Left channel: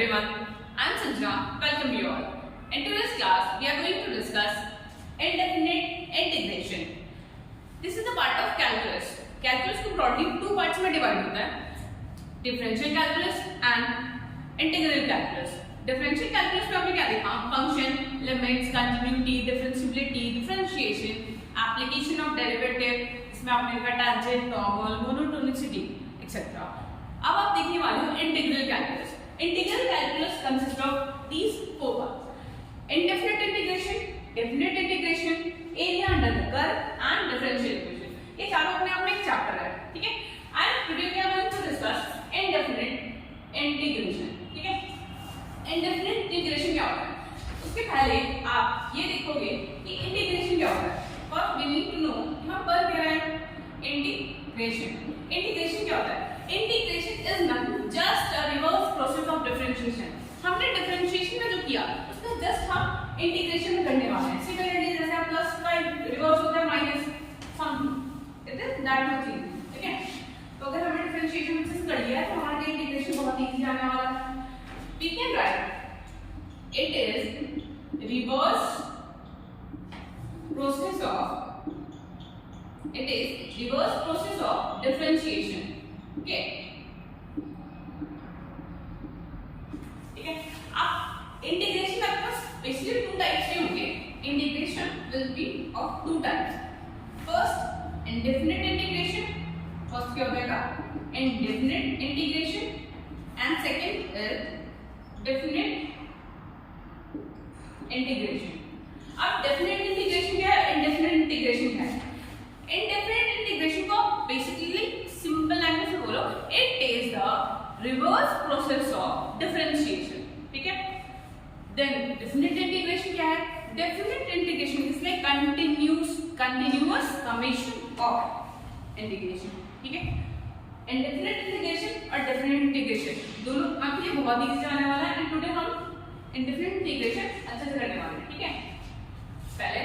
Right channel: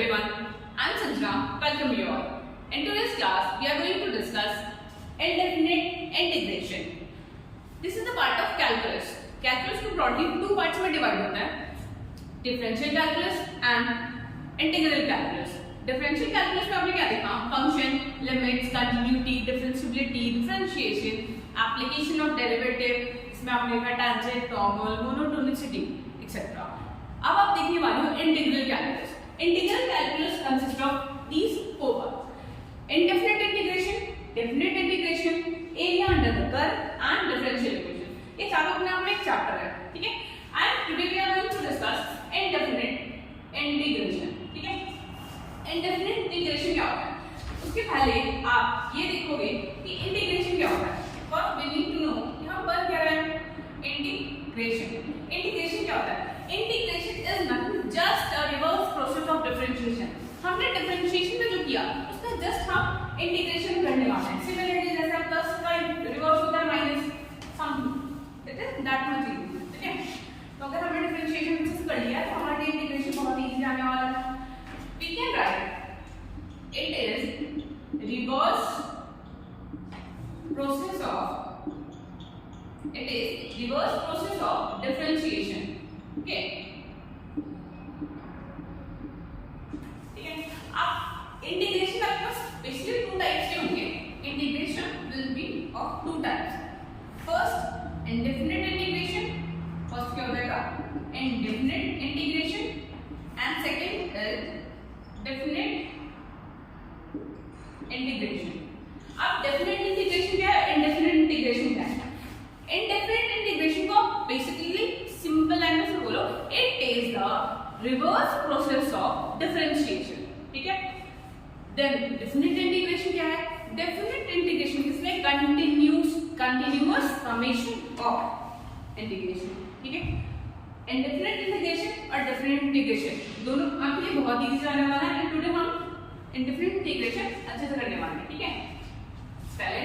everyone, I am Sanjana. Welcome you all. In today's class, we are going to discuss indefinite integration. This is the part of calculus. Calculus को broadly two parts में divide होता है, differential calculus and integral calculus. Differential calculus में आपने क्या देखा? Function, limits, continuity, differentiability, differentiation, application of derivative. इसमें आपने देखा tangent, toggle, monotonicity, etc. अब आप देखने वाले हो integral calculus. Integral calculus consist of these four parts: indefinite integration, definite integration, area under the curve and differential equation. ये चारों अपने आप में एक चैप्टर है, ठीक है. And today we are going to discuss indefinite integration, ठीक है. इंडेफिनिट इंटीग्रेशन क्या होता है? उसके पहले आप ये देखोगे कि इंटीग्रेशन क्या होता है. First we need to know यहां पर क्या है इंटीग्रेशन. इंटीग्रेशन क्या होता है? Integration is nothing just a reverse process of differentiation. हमने डिफरेंशिएशन में जो किया उसका जस्ट हम इंटीग्रेशन करने वाले हैं. सिमिलरली जैसे प्लस का रिवर्स होता है minus something, it is that much easy, ठीक है. तो अगर हमने डिफरेंशिएशन अच्छे से कर लिया तो हमारा इंटीग्रेशन बहुत इजी आने वाला है. We can write it is reverse process of differentiation. Okay. ठीक है. अब इंटीग्रेशन आपके पास बेसिकली टू टाइप्स के होंगे. Integration will be of two types. First indefinite integration. First क्या हो जाएगा? Indefinite integration. And second is definite integration. अब डेफिनिट इंटीग्रेशन क्या है, इंडेफिनिट इंटीग्रेशन क्या है? इंडेफिनिट इंटीग्रेशन को बेसिकली सिंपल लैंग्वेज में बोलो, it is the reverse process of differentiation, ठीक है. देन डेफिनिट इंटीग्रेशन क्या है? Definite integration is like continuous summation of integration, ठीक है. इंडेफिनिट इंटीग्रेशन और डेफिनिट इंटीग्रेशन दोनों आपके लिए बहुत इजी जाने वाला है. एंड टुडे हम इंडेफिनिट इंटीग्रेशन अच्छे से करने वाले हैं, ठीक है. पहले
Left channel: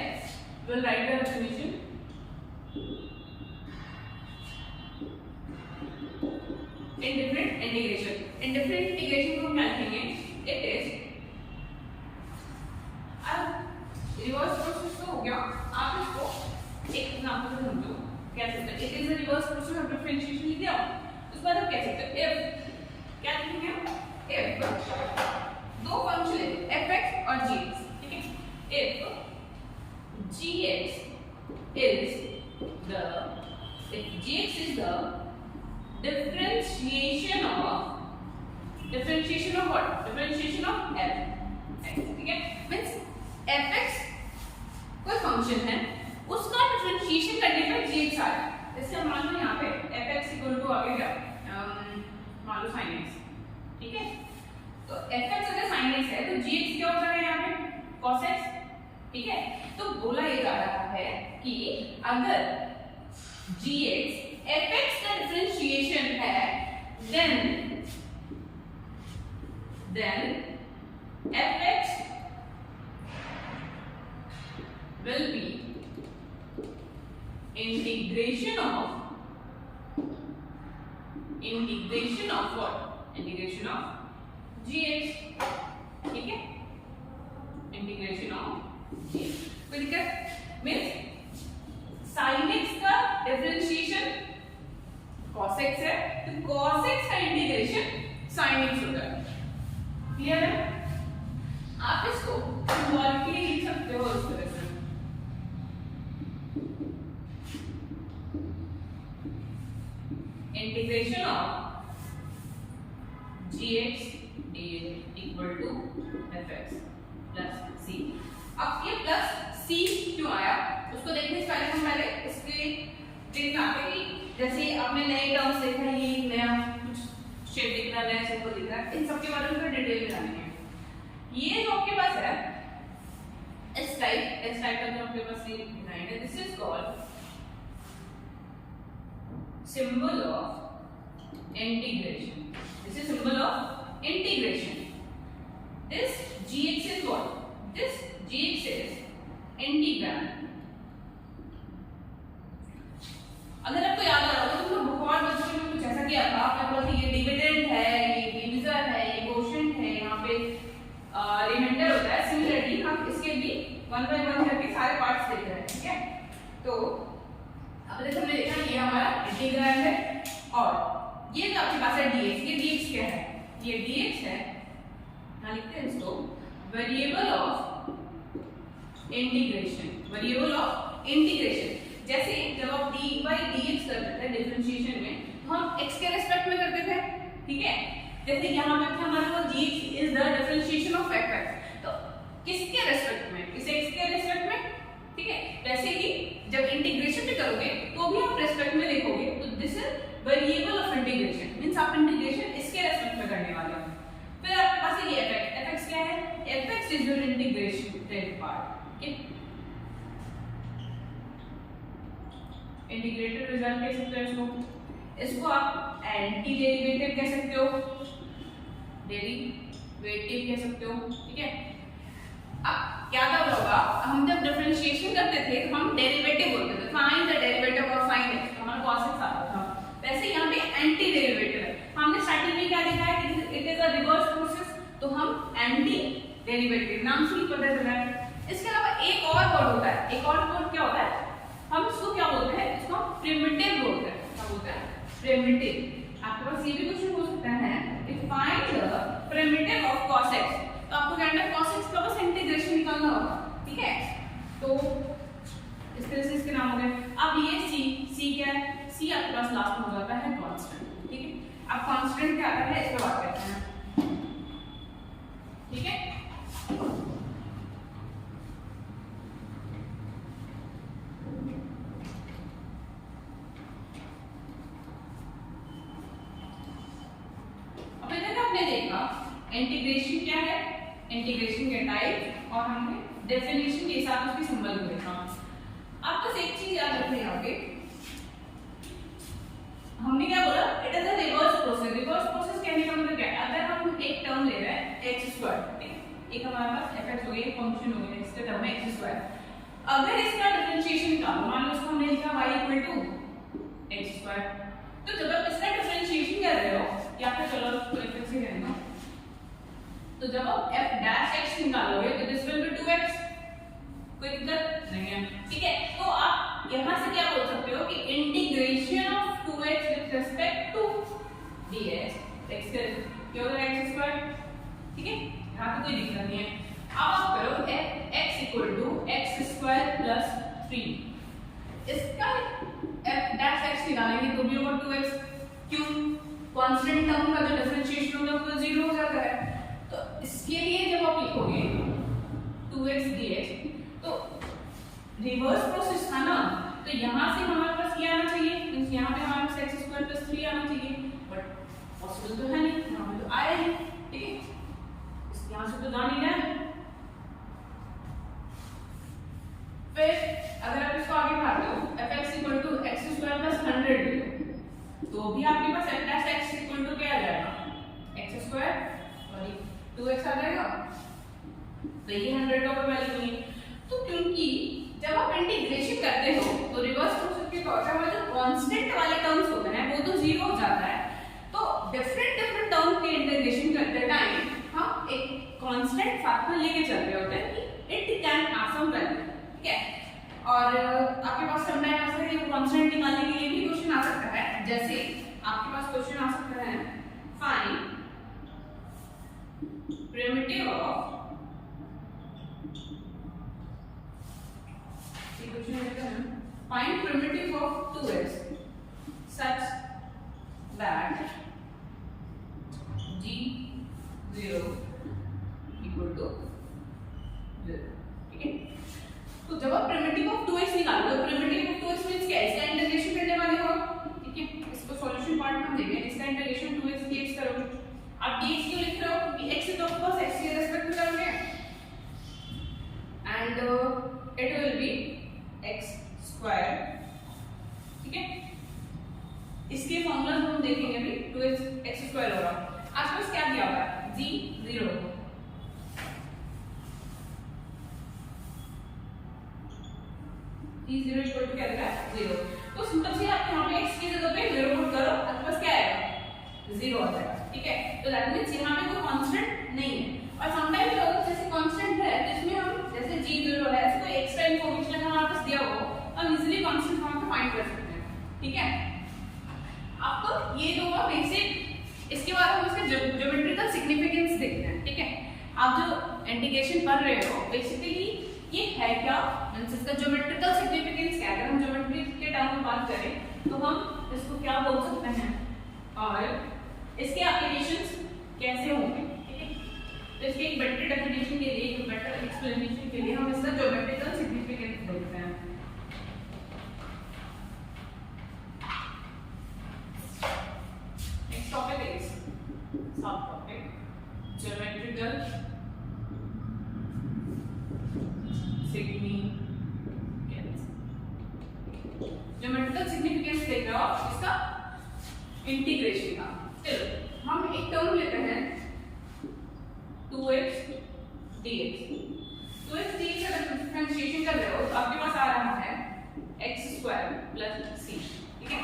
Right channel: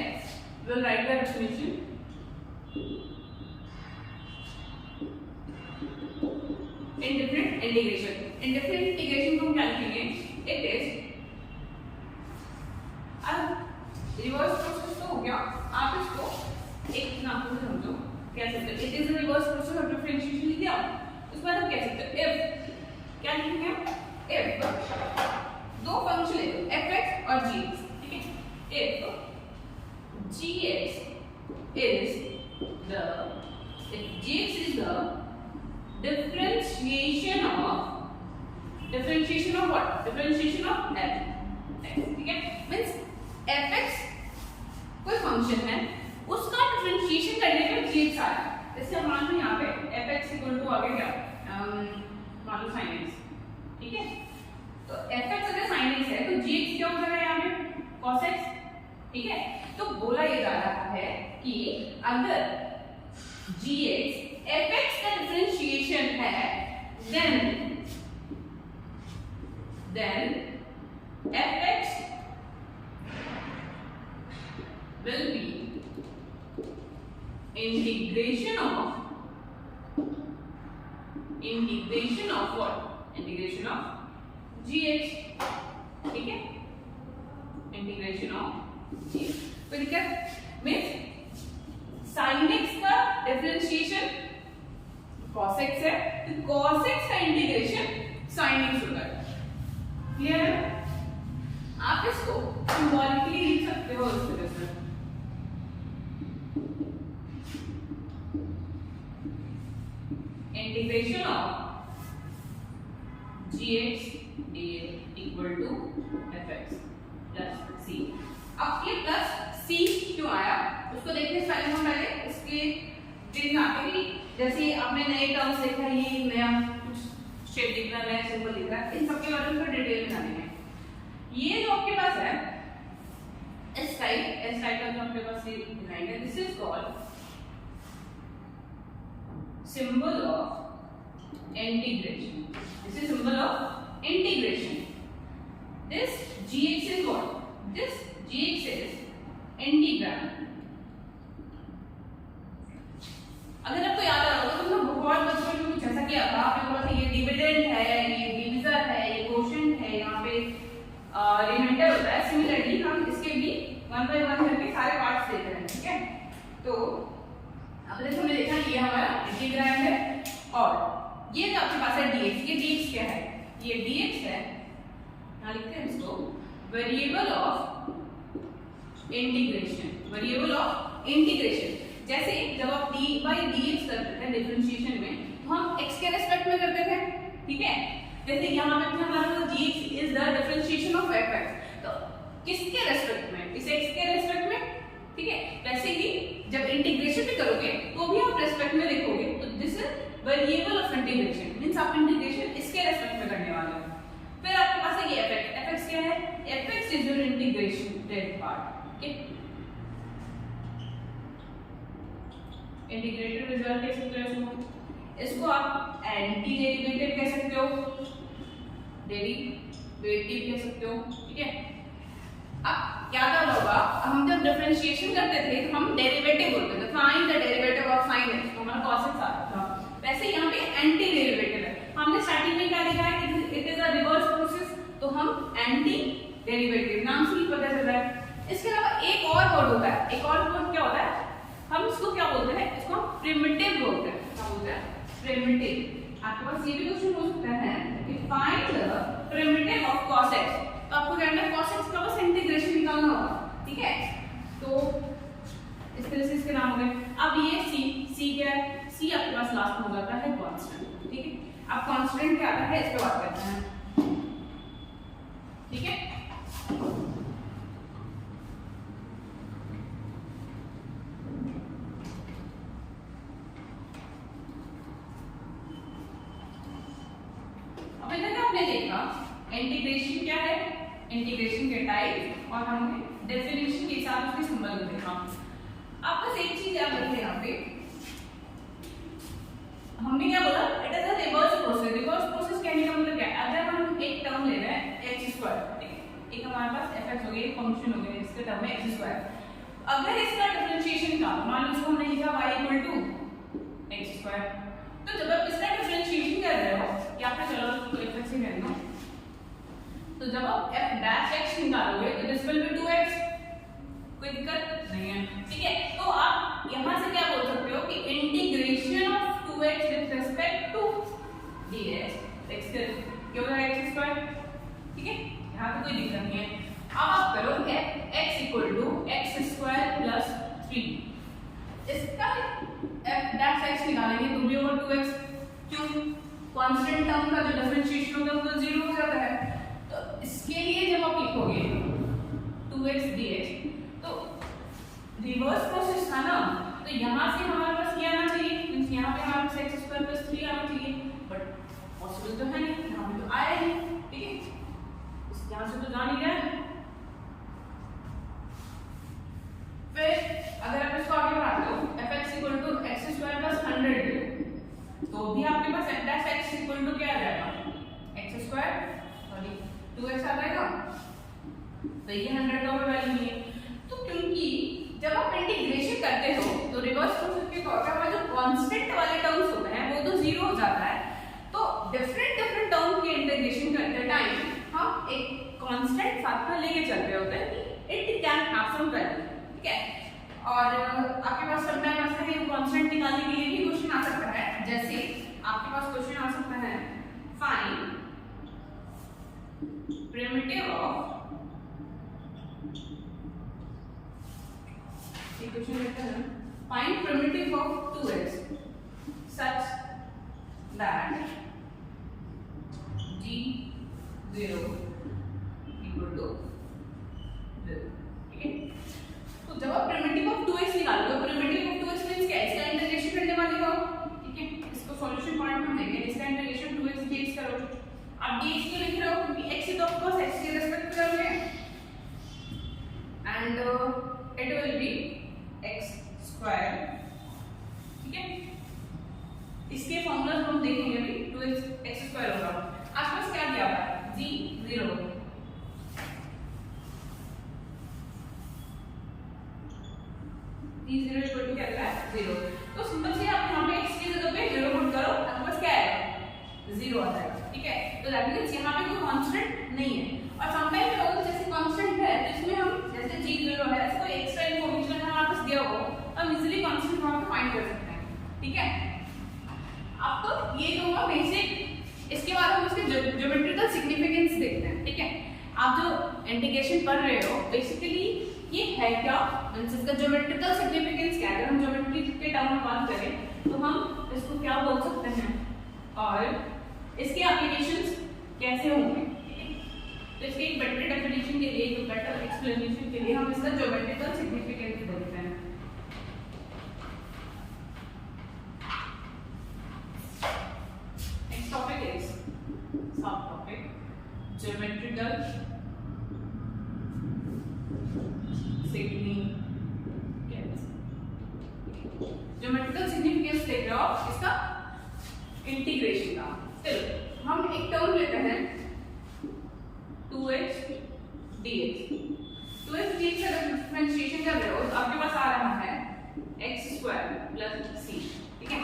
will write the definition. Indefinite integration. Indefinite integration को क्या लिखेंगे? इट इज अब रिवर्स प्रोसेस तो हो गया. आप इसको एक एग्जांपल से समझो. क्या सकते हैं? It is a reverse process of differentiation लिख दिया. उसके बाद हम कह सकते हैं इफ क्या लिखेंगे? इफ दो फंक्शन ले लो fx और gx, ठीक है. If gx is the differentiation of what? Differentiation of f, ठीक है. मीन्स fx कोई फंक्शन है, उसका डिफरेंशिएशन करने पे gx आ रहा है. जैसे हम मान लो यहाँ पे fx इक्वल टू आगे क्या मान लो sin x, ठीक है. तो fx अगर sin x है तो gx क्या हो जाएगा यहाँ पे? cos x, ठीक है. तो बोला ये जा रहा है कि अगर gx fx का डिफरेंशिएशन है then fx will be integration of what? Integration of gx, ठीक है. Integration of gx. कोई दिक्कत? मीन्स sin x का डिफरेंशिएशन cos x है तो cos x का इंटीग्रेशन sin x होता है. क्लियर है? आप इसको सिंबॉलिकली लिख सकते हो इस तरह से. Integration of gx dx equal to fx plus c. अब ये प्लस c क्यों आया उसको देखने से पहले हम पहले इसके देखना आते कि जैसे आपने नए टर्म्स देखा, ये नया कुछ शेप दिख रहा है, नया सिंबल दिख रहा है, इन सबके बारे में डिटेल में जानेंगे. ये जो आपके पास है इस टाइप का जो आपके पास ये डिजाइन है, this is called symbol of integration. This is symbol of integration. This gx is what? This gx is integral. अगर आपको याद आ रहा होगा तो बहुत बचपन में कुछ ऐसा किया था. आपने बोला था ये डिविडेंड है, ये डिविजन है, ये कोशेंट है, यहाँ ये dx है, यहाँ लिखते हैं इसको variable of integration, variable of integration. जैसे जब आप dy dx करते थे डिफरेंशिएशन में तो हम x के रेस्पेक्ट में करते थे, ठीक है। जैसे यहाँ पे हमारा dx is the differentiation of fx, तो किसके रेस्पेक्ट में, इस x के रेस्पेक्ट में, ठीक है। वैसे ही जब इंटीग्रेशन भी करोगे तो भी आप रेस्पेक्ट में लिखोगे, तो this is variable of integration, means आप इंटीग्रेशन इसके रेस्पेक्ट में करने वाले हो। फिर आपके पास है ये fx क्या है, fx is your integrated part, okay. Integrated result कह सकते हो इसको आप एंटी डेरिवेटिव कह सकते हो, डेरिवेटिव कह सकते हो, ठीक है। अब क्या करना होगा, हम जब डिफरेंशिएशन करते थे तो हम डेरिवेटिव बोलते थे, find the derivative of sin x, तो हमारा cos x आता था। वैसे यहाँ पे एंटी डेरिवेटिव है, हमने स्टार्टिंग में क्या लिखा है कि it is a reverse process, तो हम एंटी डेरिवेटिव नाम से ही पता चल रहा है। इसके अलावा एक और वर्ड होता है, एक और वर्ड क्या होता है, हम इसको क्या बोलते हैं, इसको हम प्रिमिटिव बोलते हैं, क्या बोलते हैं, प्रिमिटिव। आपके पास ये भी क्वेश्चन हो सकता है कि find the primitive of cos x, तो आपको जानना है cos x का बस इंटीग्रेशन निकालना होगा, ठीक है। तो इस तरह से इसके नाम हो गए। अब ये c क्या है, c आपके पास लास्ट में हो जाता है कांस्टेंट, ठीक है। अब कांस्टेंट क्या आता है इस पे बात करते हैं, ठीक है। अब इधर हमने देखा इंटीग्रेशन क्या है, इंटीग्रेशन के टाइप, और हमने डेफिनेशन के साथ उसके सिंबल को देखा। अब बस एक चीज याद रखें, यहाँ पे हमने क्या बोला, it is a reverse process. Reverse process कहने का मतलब क्या है, अगर हम एक टर्म ले रहे हैं x², एक हमारे पास fx हो गया, एक फंक्शन हो गया जिसका टर्म है x², अगर इसका डिफरेंशिएशन निकालो, मान लो इसको हमने लिखा y = x², तो जब आप इसका डिफरेंशिएशन कर रहे हो, या फिर चलो fx से कहना, तो जब आप f' निकालोगे तो दिस विल बी 2x, कोई दिक्कत नहीं है, ठीक है। तो आप यहां से क्या बोल सकते हो कि integration of 2x with respect to dx, x क्या होगा x², ठीक है, यहां पे कोई दिक्कत नहीं है। अब आप करो x = x² + 3, इसका f' निकालेंगे तो भी ओवर 2x, क्यों, कांस्टेंट टर्म का जो डिफरेंशिएशन होगा वो 0 हो जाता है। तो इसके लिए जब आप लिखोगे 2x dx, तो रिवर्स प्रोसेस था ना, तो यहाँ से हमारे पास क्या आना चाहिए, यहाँ पे हमारे पास x² + 3 आना चाहिए, बट पॉसिबल तो है नहीं, यहाँ पे तो आया ही, ठीक है, यहाँ से तो जा नहीं गया। फिर अगर आप इसको आगे बढ़ाते हो fx = x² + 100, तो भी आपके पास f' = क्या आ जाएगा, x² और 2x आ जाएगा, तो ये 100 का कोई वैल्यू नहीं है। तो क्योंकि जब आप इंटीग्रेशन करते हो तो रिवर्स प्रोसेस के तौर पे हमारे जो कांस्टेंट वाले टर्म्स होते हैं वो तो 0 हो जाता है, तो डिफरेंट टर्म की इंटीग्रेशन करते टाइम हम एक कांस्टेंट साथ में लेके चलते होते हैं कि it can have some value, ठीक है। और आपके पास समटाइम ऐसा है कांस्टेंट निकालने के लिए भी क्वेश्चन आ सकता है, जैसे आपके पास क्वेश्चन आ सकता है फाइंड प्रिमिटिव ऑफ, ये क्वेश्चन रहता है find primitive of 2x such that g0 = 0, ठीक है। तो जब आप प्रिमिटिव ऑफ 2x निकालोगे, प्रिमिटिव ऑफ 2x मींस क्या है, इसका इंटीग्रेशन करने वाले हो, ठीक है। इसको सॉल्यूशन पार्ट में हम देखेंगे, इसका इंटीग्रेशन 2x dx करोगे। आप dx क्यों लिख रहे हो, क्योंकि x तो ऑफ कोर्स x के रिस्पेक्ट में करोगे, and it will be x², ठीक है। इसके फॉर्मूला हम देखेंगे अभी, 2x² होगा। आपके पास क्या दिया हुआ है, g0, g0 = क्या देगा 0, तो सिंपल से आप यहाँ पे x की जगह पे 0 पुट करो, आपके पास क्या आएगा 0 आ जाएगा, ठीक है। तो दैट मींस यहाँ पे कोई कांस्टेंट नहीं है। और समटाइम क्या होता है, जैसे कांस्टेंट है तो इसमें हम जैसे g0 है, ऐसे कोई एक्स्ट्रा इंफॉर्मेशन अगर हमारे पास दिया हो हम इजीली कांस्टेंट वहां पे फाइंड कर सकते हैं, ठीक है। आपको ये तो हुआ बेसिक, इसके बाद हम इसके ज्योमेट्री का इंटीग्रेशन पढ़ रहे हो, बेसिकली ये है क्या, इसका ज्योमेट्रिकल सिग्निफिकेंस क्या है। अगर हम ज्योमेट्री के टर्म में बात करें तो हम इसको क्या बोल सकते हैं और इसके एप्लीकेशंस कैसे होंगे। तो इसके एक बेटर डेफिनेशन के लिए, एक बेटर एक्सप्लेनेशन के लिए हम इसका ज्योमेट्रिकल सिग्निफिकेंस देखते हैं। नेक्स्ट टॉपिक इज सब टॉपिक ज्योमेट्रिकल ज्योमेट्रिकल सिग्निफिकेंस देख रहे हो आप इसका इंटीग्रेशन का। चलो हम एक टर्म लेते हैं 2x dx। 2x dx का डिफरेंशिएशन कर रहे हो तो आपके पास आ रहा है x² + c। ठीक है,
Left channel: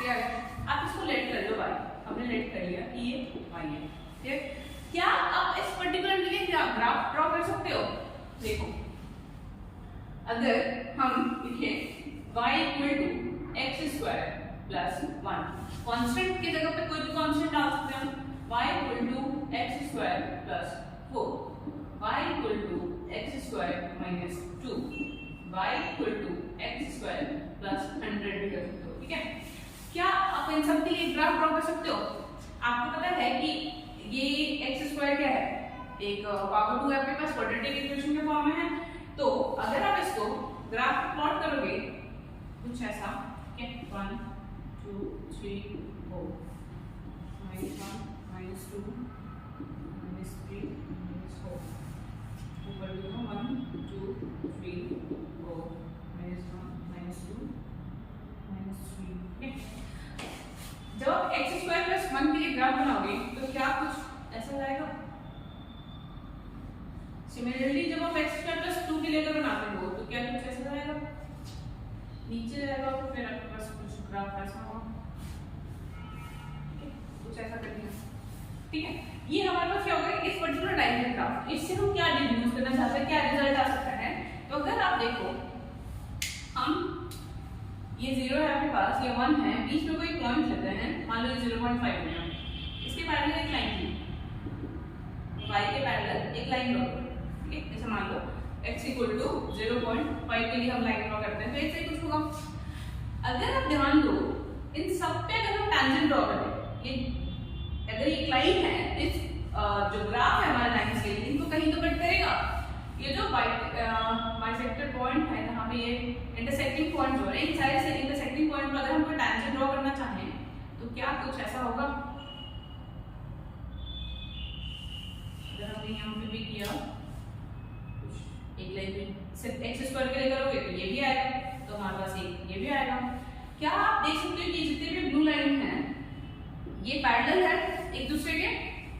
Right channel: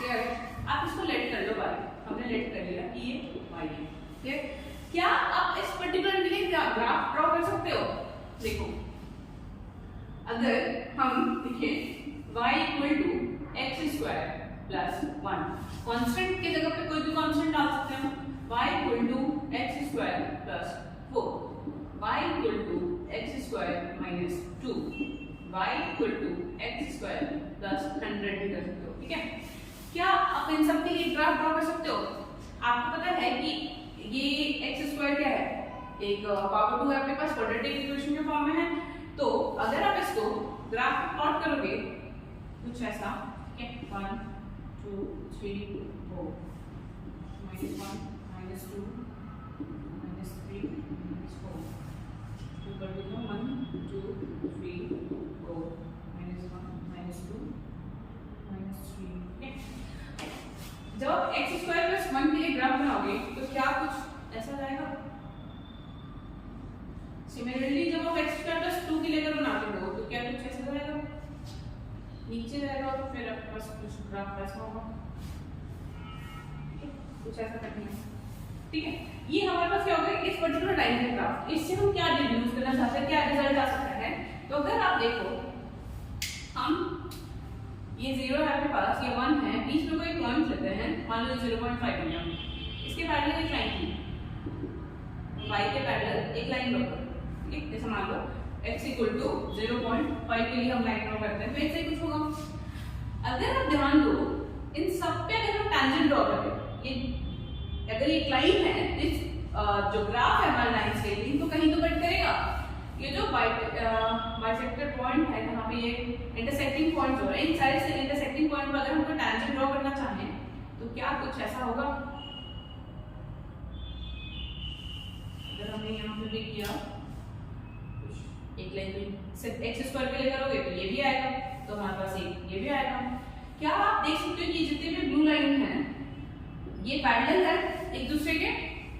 क्या है, आप इसको लेट कर लो y, हमने लेट कर लिया कि ये y है। ठीक है, क्या आप इस पर्टिकुलर के लिए ग्राफ ड्रॉ कर सकते हो। देखो अगर हम लिखें y = x² + 1, कांस्टेंट की जगह पे कोई भी कांस्टेंट डाल सकते हैं हम। y = x² + 4, y = x² - 2, y = x² + 100 भी कर सकते हो। ठीक है, क्या आप इन सब के लिए ग्राफ ड्रॉ कर सकते हो। आपको पता है कि ये x² क्या है, एक पावर 2 है आपके पास, क्वाड्रेटिक इक्वेशन के फॉर्म में है। तो अगर आप इसको ग्राफ प्लॉट करोगे कुछ ऐसा, 1 2 3 4 -1 -2 -3 -4, ऊपर भी 1 2 3 4 -1 -2 -3। जब x² + 1 के लिए ग्राफ बनाओगे तो क्या कुछ ऐसा जाएगा। सिमिलरली जब आप x² + 2 के लिए अगर बनाते हो तो क्या कुछ ऐसा जाएगा, नीचे जाएगा और फिर आपके पास कुछ ग्राफ ऐसा होगा। कुछ ऐसा करना है। ठीक है, ये हमारे पास क्या होगा, इस पर्टिकुलर लाइन का ग्राफ। इससे हम क्या डिड्यूस करना चाहते हैं, क्या रिजल्ट आ सकता है। तो अगर आप देखो, हम ये 0 है आपके पास, ये 1 है, बीच में कोई पॉइंट लेते हैं, मान लो 0.5 लिया, इसके पैरेलल एक लाइन थी, y के पैरेलल एक लाइन ड्रॉ करो। ठीक है, जैसे मान लो x = 0.5 के लिए हम लाइन ड्रॉ करते हैं, तो ऐसे ही कुछ होगा। अगर आप ध्यान दो, इन सब पे अगर हम टैंजेंट ड्रॉ करें, ये अगर ये लाइन है, इस जो ग्राफ है हमारे लाइन से, इनको कहीं तो कट करेगा। ये जो बाइसेक्टर पॉइंट है, जहाँ पे ये इंटरसेक्टिंग पॉइंट हो रहे हैं, इन सारे से इंटरसेक्टिंग पॉइंट पर अगर हम कोई टैंजेंट ड्रॉ करना चाहें तो क्या कुछ ऐसा होगा। अगर हमने यहाँ पे भी किया एक लाइन में x² के लिए करोगे तो ये भी आएगा, तो हमारे पास ये भी आएगा। क्या आप देख सकते हो कि जितने भी ब्लू लाइन है ये पैरेलल है एक दूसरे के,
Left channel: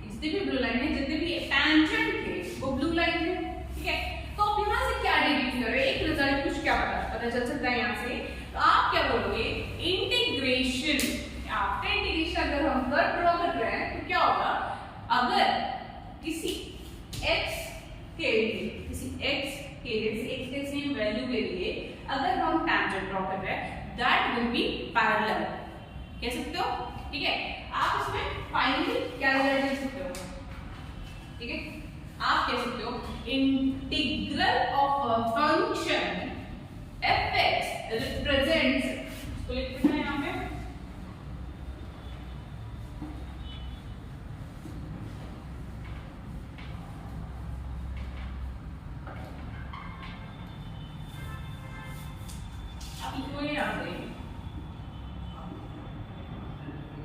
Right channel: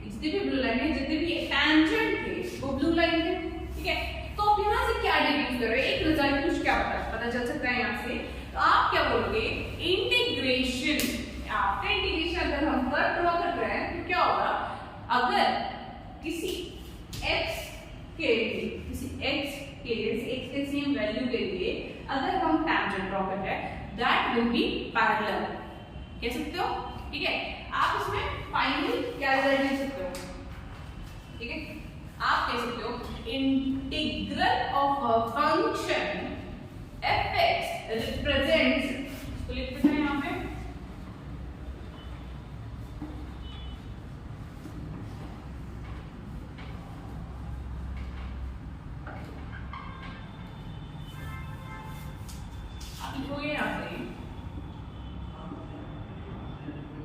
जितने भी ब्लू लाइन है, जितने भी टैंजेंट थे वो ब्लू लाइन है। ठीक है, तो आप यहाँ से क्या डिड्यूस कर रहे हो, एक रिजल्ट कुछ क्या पता चल सकता है यहाँ से। तो आप क्या बोलोगे, इंटीग्रेशन। आफ्टर इंटीग्रेशन अगर हम कर्व ड्रॉ कर रहे हैं तो क्या होगा, अगर किसी x के सेम वैल्यू के लिए अगर हम टैंजेंट ड्रॉ कर रहे हैं, दैट विल बी पैरेलल, कह सकते हो। ठीक है, आप इसमें फाइनली क्या रिजल्ट लिख सकते हो। ठीक है, आप कह सकते हो integral of a function f(x) represents, इसको लिखते हैं यहाँ पे,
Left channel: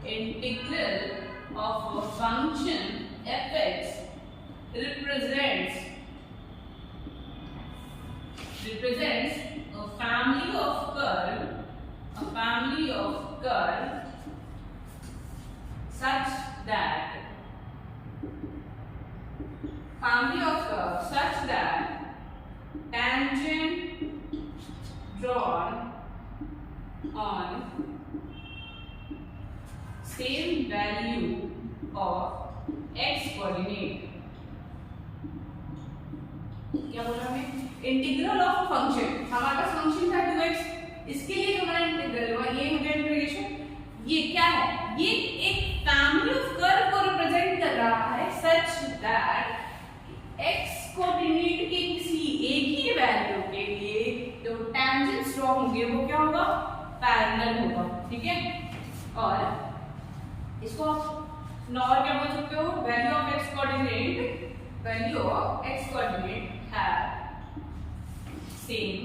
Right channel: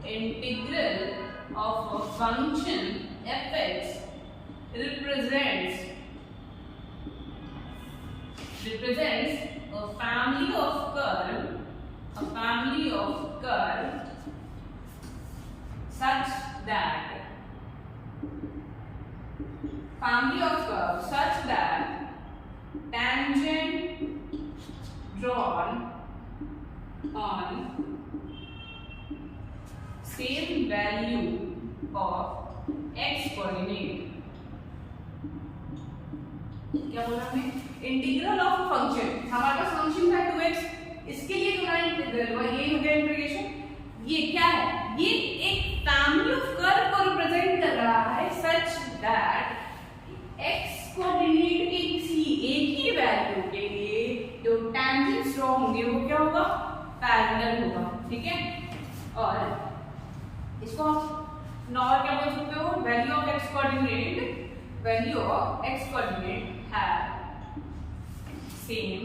integral of a function f(x) represents a family of curve such that tangent drawn on same value of x coordinate। क्या बोला हमने, इंटीग्रल ऑफ फंक्शन, हमारे पास फंक्शन था 2x, इसके लिए जो हमारा इंटीग्रल हुआ ये हो गया इंटीग्रेशन। ये क्या है, ये एक फैमिली ऑफ कर्व को रिप्रेजेंट कर रहा है सच दैट एक्स कोऑर्डिनेट के किसी एक ही वैल्यू के लिए जो टेंजेंट्स ड्रॉ होंगे वो क्या होगा, पैरेलल होगा, ठीक है। और इसको आप नॉर क्या बोल सकते हो, value of x coordinate have same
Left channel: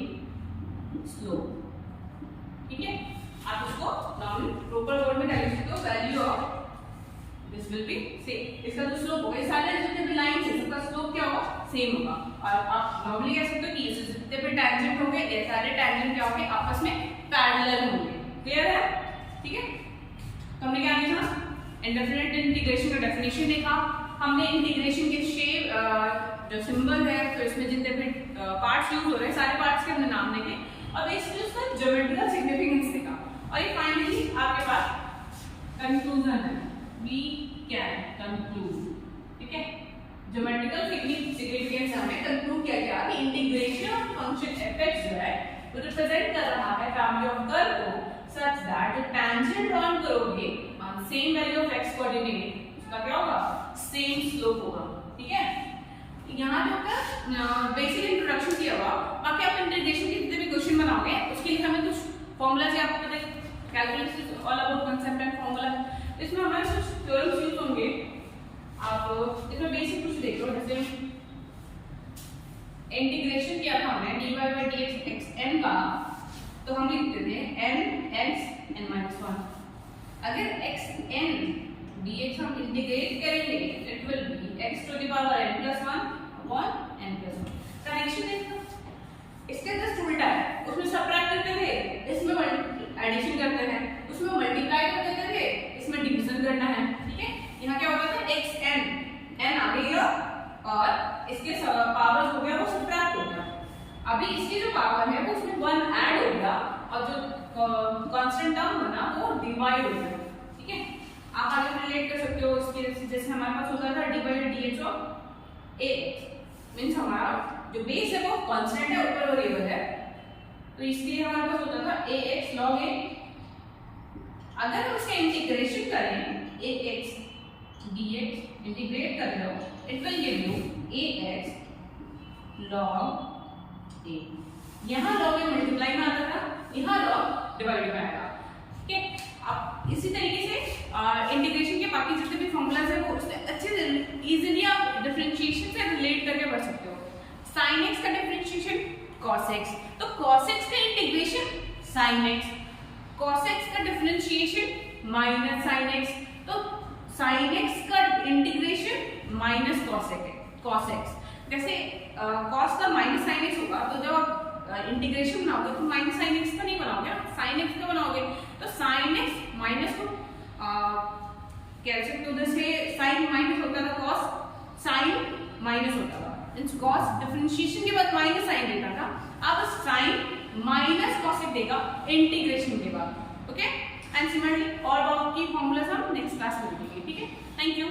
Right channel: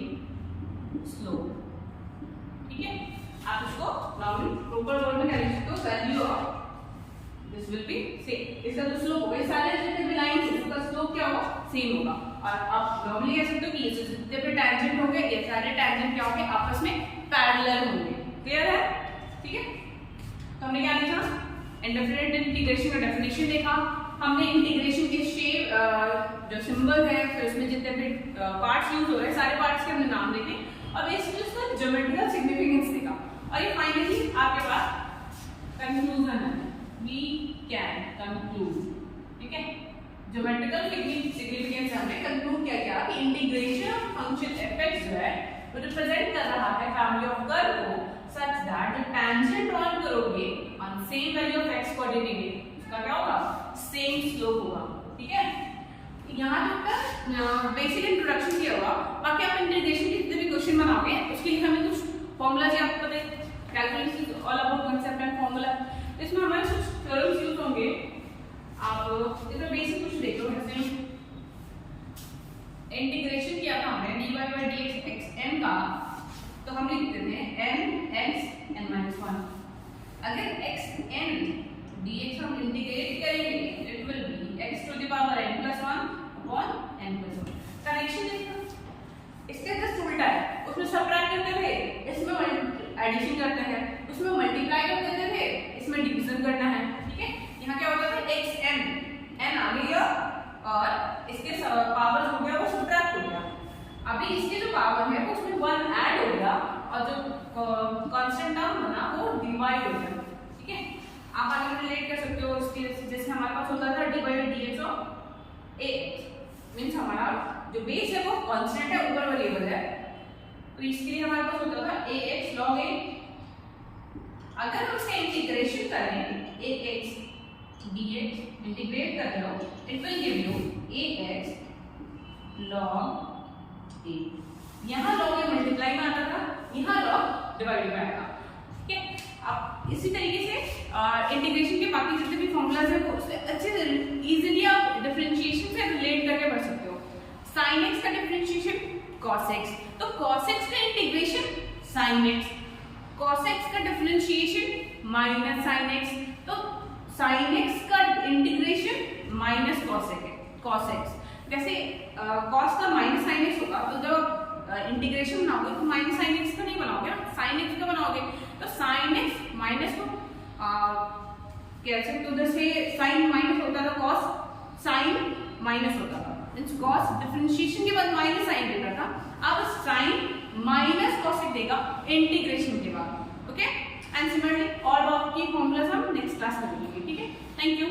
slope, ठीक है। आप इसको नॉर्मल प्रॉपर वर्ड में क्या लिख सकते हो, value of this will be same, इसका जो स्लोप होगा, सारे जितने भी लाइन है उसका स्लोप क्या होगा, सेम होगा। और आप नॉर्मली कह सकते हो कि ये जितने भी टेंजेंट होंगे ये सारे टेंजेंट क्या होंगे, आपस में पैरेलल होंगे। क्लियर है, ठीक है। तो हमने क्या देखा, इंडेफिनिट इंटीग्रेशन का डेफिनेशन देखा, हमने इंटीग्रेशन के शेप जो सिंबल है, फिर इसमें जितने भी पार्ट्स यूज हो रहे हैं सारे पार्ट्स के हमने नाम देखे और बेसिकली उसका ज्योमेट्रिकल सिग्निफिकेंस देखा। और ये फाइनली आपके पास कंक्लूजन है, वी कैन कंक्लूड, ठीक है। ज्योमेट्रिकल सिग्निफिकेंस हमने कंक्लूड किया कि इंटीग्रेशन फंक्शन fx जो है वो रिप्रेजेंट कर रहा है फैमिली ऑफ कर्व को सच दैट जो टेंजेंट ड्रॉ करोगे on same value of x coordinate उसका क्या होगा, सेम स्लोप होगा, ठीक है। यहाँ जो बेसिक इंट्रोडक्शन किया हुआ, बाकी आप इंटीग्रेशन के जितने भी क्वेश्चन बनाओगे उसके लिए हमें कुछ फॉर्मूलाज आपको पता है, calculus is all about concept and formula. इसमें हमारे कुछ थ्योरम्स यूज होंगे, आप इसमें बेसिक कुछ देखो, जैसे इंटीग्रेशन किया था हमने dy by dx xn का, तो हम लिखते थे n x n-1। अगर xn dx हम इंटीग्रेट करेंगे it will be x to the power n+1 upon n+1। Connection देखो, इसका जस्ट उल्टा है, उसमें सबट्रैक्ट करते थे, इसमें एडिशन करते हैं, उसमें मल्टीप्लाई कर देते थे, इसमें डिवीजन करना है, ठीक है। यहाँ क्या होता था, xn n आ गया और इसके पावर हो गया वो सबट्रैक्ट हो गया। अभी इसके जो पावर है वो उसमें 1 ऐड हो गया और जो कांस्टेंट टर्म बना वो डिवाइड हो गया, ठीक है। आप आगे रिलेट कर सकते हो इसके, जैसे हमारे पास होता था dy by dx of a means हमारा जो बेस है वो कांस्टेंट है, ऊपर वेरिएबल है, तो इसके लिए हमारे पास होता था ax log a। अगर हम इसका इंटीग्रेशन करें ax dx इंटीग्रेट कर रहे हो it will give you ax log a। यहाँ log a मल्टीप्लाई में आता था, यहाँ log डिवाइड में आएगा, ठीक है। अब इसी तरीके से इंटीग्रेशन के बाकी जितने भी फॉर्मूलाज हैं वो उससे अच्छे से इजीली आप डिफरेंशिएशन से रिलेट करके पढ़ सकते हो। sin x का डिफरेंशिएशन cos x, तो cos x का integration sin x, cos x का डिफरेंशिएशन माइनस sin x, तो sin x का इंटीग्रेशन माइनस cos x। जैसे cos का माइनस sin x होगा, तो जब इंटीग्रेशन बनाओगे तो माइनस sin x का नहीं बनाओगे, sin x का बनाओगे, तो sin x माइनस को कह सकते हो, जैसे sin माइनस होता था cos, sin माइनस होता था, मींस cos डिफरेंशिएशन के बाद माइनस sin देता था, अब sin माइनस cos x देगा इंटीग्रेशन के बाद, ओके। एंड सिमिलरली और बाकी फॉर्मूलाज हम नेक्स्ट क्लास में देखेंगे, ठीक है। Thank you.